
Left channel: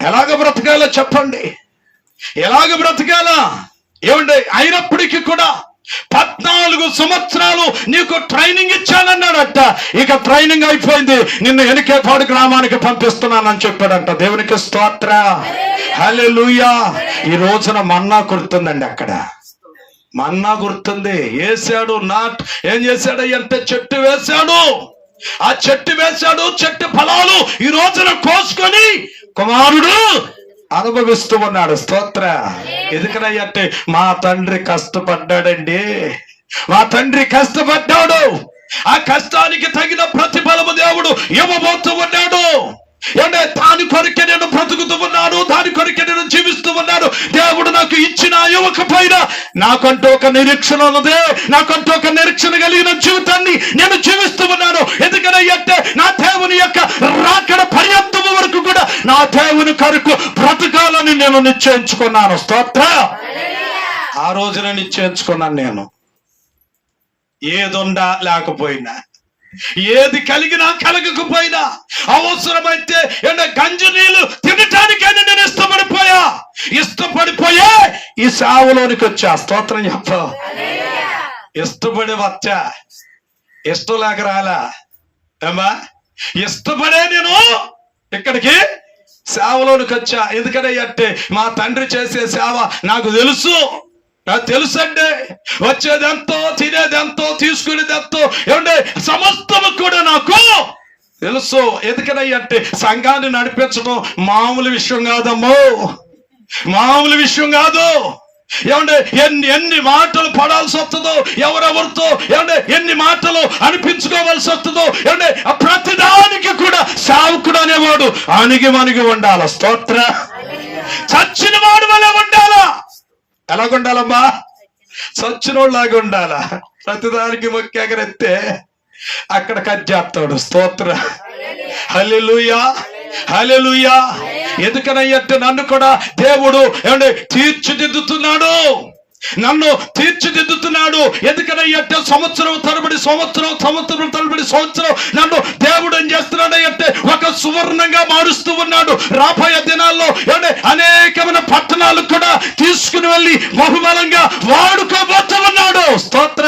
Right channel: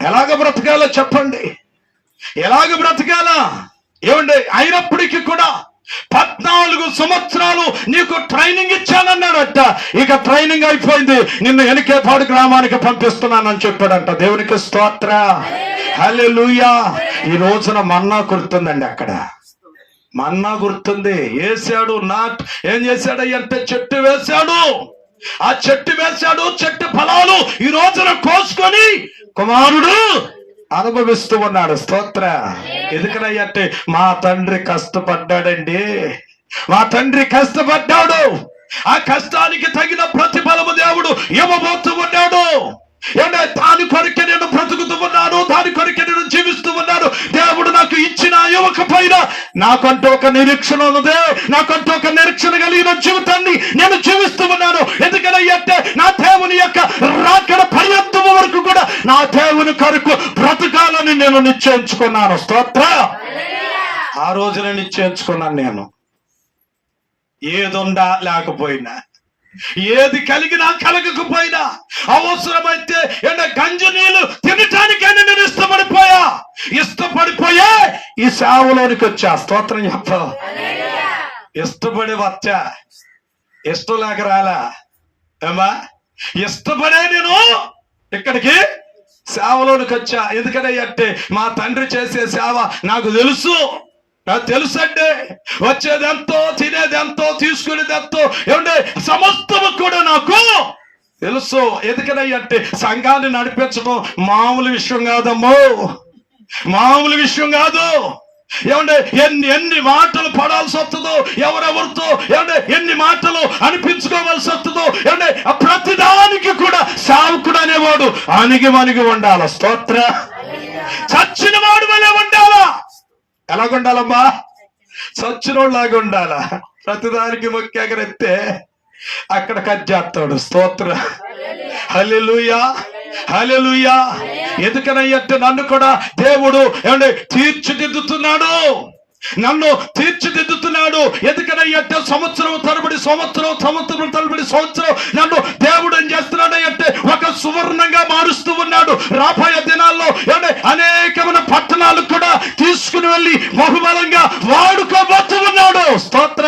ఎలాగ బ్రతకాలో చెప్పండి? ఎలాగ బ్రతకాలా? ఏమండి? అయినప్పటికీ కూడా 14 సంవత్సరాలు నీకు ట్రైనింగ్ ఇచ్చానన్నాడట. ఇక ట్రైనింగ్ అయిపోయింది, నిన్ను ఎనికేపాడు గ్రామానికి పంపిస్తున్నానని చెప్పాడంట. దేవునికి స్తోత్ర, హల్లెలూయా. ఈ రోజున మన్నా గుర్తుందండి. అక్కడ మన్నా గుర్తుంది. వేసాడు. ఏం చేశాడు అంటే చెట్టు వేశాడు. ఆ చెట్టు వేశాడు. చెట్టు ఫలాలు ఈ రోజున కోసుకొని కుమారుడు అనుభవిస్తూ ఉన్నాడు. స్తోత్ర. ఎందుకనంటే మా తండ్రి కష్టపడ్డాడండి. మా తండ్రి కష్టపడ్డాడు. ఆ కష్టానికి తగిన ప్రతిఫలము దేవుడు ఇవ్వబోతూ ఉన్నాడు. దాని కొరికే నేను బ్రతుకుతూ ఉన్నాను, దాని కొరికే నేను జీవిస్తూ ఉన్నాను. దేవుడు నాకు ఇచ్చిన ఇవ్వకపోయినా నాకంటూ ఒక నిరీక్షణ ఉన్నదే. నాకంటూ ఒక నిరీక్షణ కలిగిన జీవితాన్ని నేను జీవిస్తూ ఉన్నాను. ఎందుకంటే నా దేవుని యొక్క రాకడ పర్యంతము వరకు కూడా నా దేవుని కొరకు బ్రతకాలని నేను నిశ్చయించుకున్నాను. స్తోత్ర. ఆ రోజున నిశ్చయించుకున్నాను. నేను ఏదుండా లేకపోయినా, ఏది కలిగినా కలగకపోయినా, అవసరమైతే గంజి నీళ్ళు తినటానికైనా నేను ఇష్టపడిపోయా ఈ సేవలోనికి వచ్చా. స్తోత్రం చెప్ప. ఇష్టపడి వచ్చా, ఇష్టం లేక రాలా ఏమా. ఇష్టపడే నేను ఇక్కడికి సేవలోనికి వచ్చా. ఎందుకంటే మా తండ్రి చేసే సేవ నాకు తెలుసండి. వచ్చేదెంతో, తినేదెంతో, తీసుకునేదెంతో, ఏమంటే సమస్తము కూడా నాకు తెలుసు. ఎందుకంటే సంఘాన్ని నడిపించడం మామూలు విషయం కాదమ్మో, మామూలు విషయం కాదు. ఏమంటే ఎన్ని మాటలు పడాల్సి వస్తుందో, ఎవరెవరితో ఎన్ని మాటలు అనిపించుకోవాల్సి వస్తుందో. ఏమంటే ప్రతిదానికి కూడా సేవకుడు అనేవాడు అణిగి ఉండాల. స్తోత్ర. చచ్చిన వాడు వలె ఉండాలా. ఎలాగుండాలమ్మా? చచ్చినోళ్ళలాగా ఉండాలా. ప్రతిదానికి మొక్కెగరెత్తే అక్కడ కట్ చేస్తాడు. స్తోత్ర, హల్లెలూయా, హల్లెలూయా. ఎందుకనంటే నన్ను కూడా దేవుడు తీర్చిదిద్దుతున్నాడు. ఎందుకనంటే సంవత్సరం తరబడి సంవత్సరం నన్ను దేవుడు ఏం చేస్తున్నాడంటే ఒక సువర్ణంగా మారుస్తూ ఉన్నాడు. రాబోయే దినాల్లో అనేకమైన పట్టణాలు కూడా తీసుకుని వెళ్ళి బహుబలంగా వాడుకోబోతున్నాడు. స్తోత్ర.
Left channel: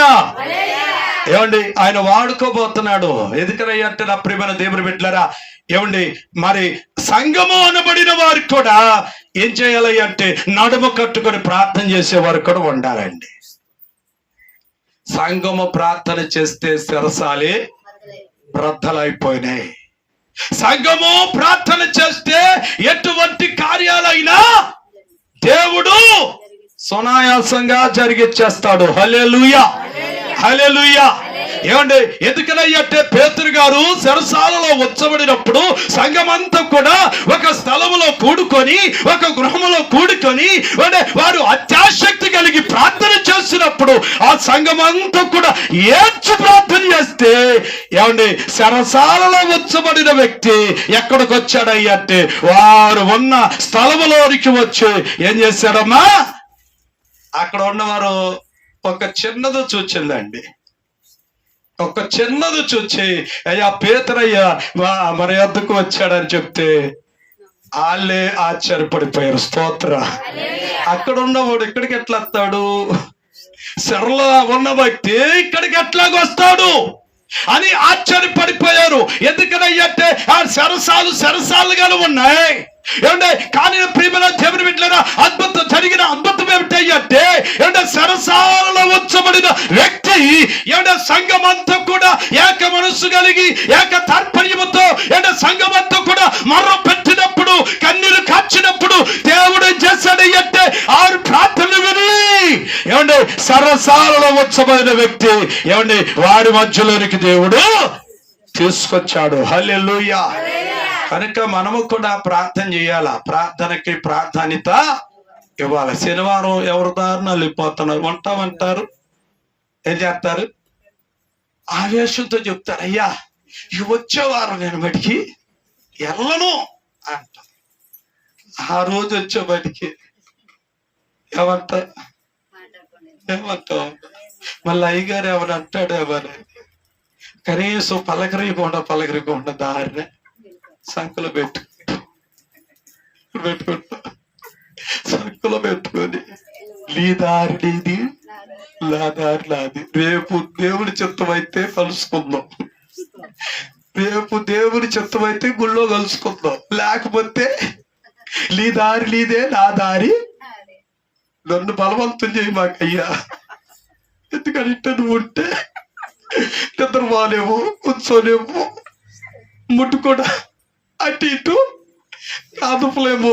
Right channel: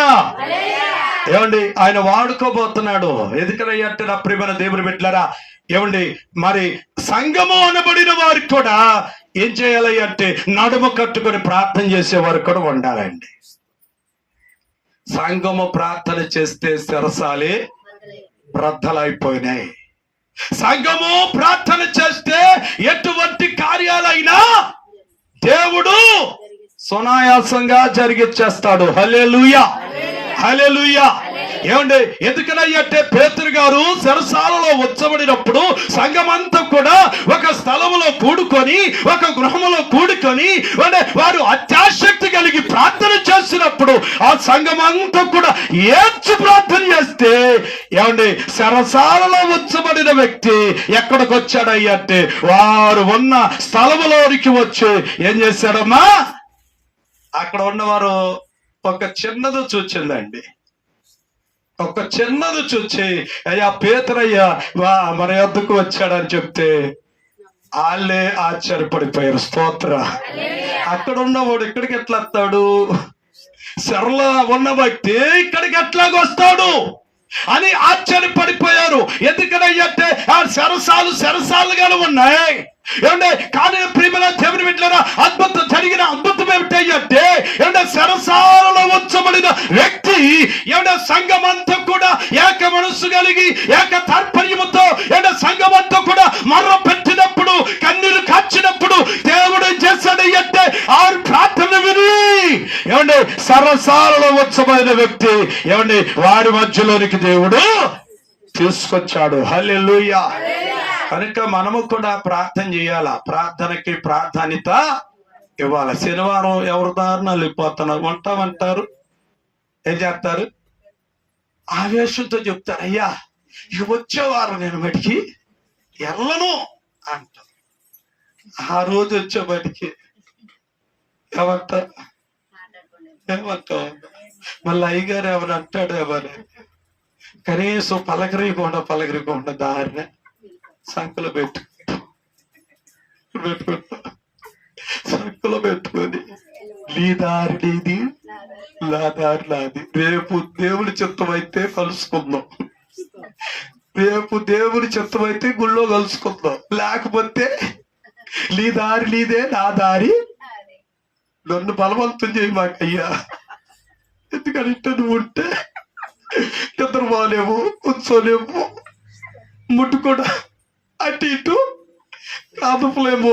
ఏమండి? ఆయన వాడుకోబోతున్నాడు. ఎందుకనంటే నా ప్రియమైన దేవుని బిడ్డలారా, మరి సంఘము అనబడిన వారికి కూడా ఏం చేయాలి అంటే నడుము కట్టుకొని ప్రార్థన చేసేవారు కూడా ఉండాలండి. సంఘము ప్రార్థన చేస్తే శిరసాలే బ్రద్దలైపోయినాయి. సంఘము ప్రార్థన చేస్తే ఎటువంటి కార్యాలైనా దేవుడు సునాయాసంగా జరిగిచ్చేస్తాడు. హల్లెలూయా, హల్లెలూయా. ఎందుకనంటే పేతురు గారు చెరసాలలో ఉంచబడినప్పుడు సంఘమంతా కూడా ఒక స్థలములో కూడుకొని, ఒక గృహములో కూడుకొని వారు అత్యాశక్తి కలిగి ప్రార్థన చేసినప్పుడు ఆ సంఘమంతా కూడా ఏడ్చి ప్రార్థన చేస్తే చెరసాలలో ఉంచబడిన వ్యక్తి ఎక్కడికి వచ్చాడంటే వారు ఉన్న స్థలములోనికి వచ్చి ఏం చేశాడమ్మా? అక్కడ ఉన్నవారు ఒక చిన్నది చూచిందండి. ఒక చిన్నది చూచి అయ్యా పేతురయ్యా మన యొద్దకు వచ్చాడని చెప్తే వాళ్ళే ఆశ్చర్యపడిపోయారు. స్తోత్ర. అక్కడ ఉన్నవాడు ఇక్కడికి ఎట్లా వస్తాడు? చెరలో ఉన్న వ్యక్తి ఇక్కడికి ఎట్లాగొస్తాడు అని ఆశ్చర్యపడిపోయారు. ఎందుకనంటే ఆ సరసాలుగా ఉన్నాయి. ఏమంటే కానీ ప్రియమైన దేవుని బిడ్డలారా, జరిగిన అద్భుతం ఏమిటంటే సరసాలలో ఉంచబడిన వ్యక్తి సంఘం అంతా కూడా ఏక మనస్సు కలిగి ఏక తాత్పర్యముతో సంఘం అంతా కూడా మర్ర పెట్టినప్పుడు, కన్నీరు కాచినప్పుడు దేవుడు ఏం చేశాడు అంటే ఆరు ప్రార్థనలు విని సరసాలలో ఉంచబడిన వ్యక్తి వారి మధ్యలోనికి దేవుడు తీసుకొచ్చాడు. హల్లెలూయా. కనుక మనము కూడా ప్రార్థన చేయాలా, ప్రార్థనకి ప్రాధాన్యత ఇవ్వాలి. శనివారం ఎవరి దారిన వెళ్ళిపోతున్నారు, ఉంటామంటారు, ఏం చేస్తారు, ఆవేశంతో చెప్తారు, అయ్యా ఇక వచ్చేవారం నేను బయటికి వెళ్ళను అంటాం. ఆ రోజు వచ్చే బయటికి ఏమంటావు, మళ్ళీ అయ్యగారు ఎవరు అంటాడు, ఎవరు కనీసం పలకరీకుండా దారిన సంకులు పెట్టుకొని నీ దారి నీది, నా దారి నాది, రేపు దేవుడి చిత్తమైతే కలుసుకుందాం, రేపు దేవుడి చిత్తమైతే గుళ్ళో కలుసుకుందాం, లేకపోతే నీ దారి నీదే, నా దారి, నన్ను బలవంతం చేయి మాకయ్యా. ఎందుకంటే నువ్వు ఉంటే నిద్రపోలేము, కూర్చోలేము, ముట్టుకోడా అటు ఇటు కాదుపులేము.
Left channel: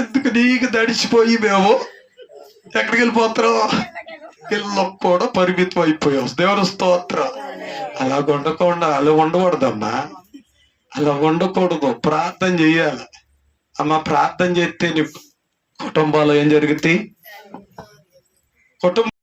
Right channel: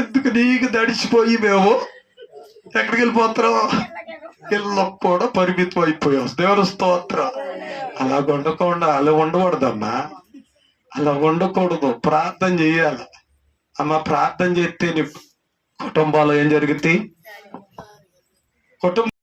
ఎందుకు నీకు దడిచిపోయి మేము ఎక్కడికి వెళ్ళిపోతారో ఇళ్ళకు కూడా పరిమితం అయిపోయాం. దేవుని స్తోత్రం. అలా ఉండకూడదమ్మా, అలా ఉండకూడదు. ప్రార్థన చెయ్యాలి అమ్మ. ప్రార్థన చేస్తే నీ కుటుంబాలు ఏం జరుగుతాయి, కుటుంబం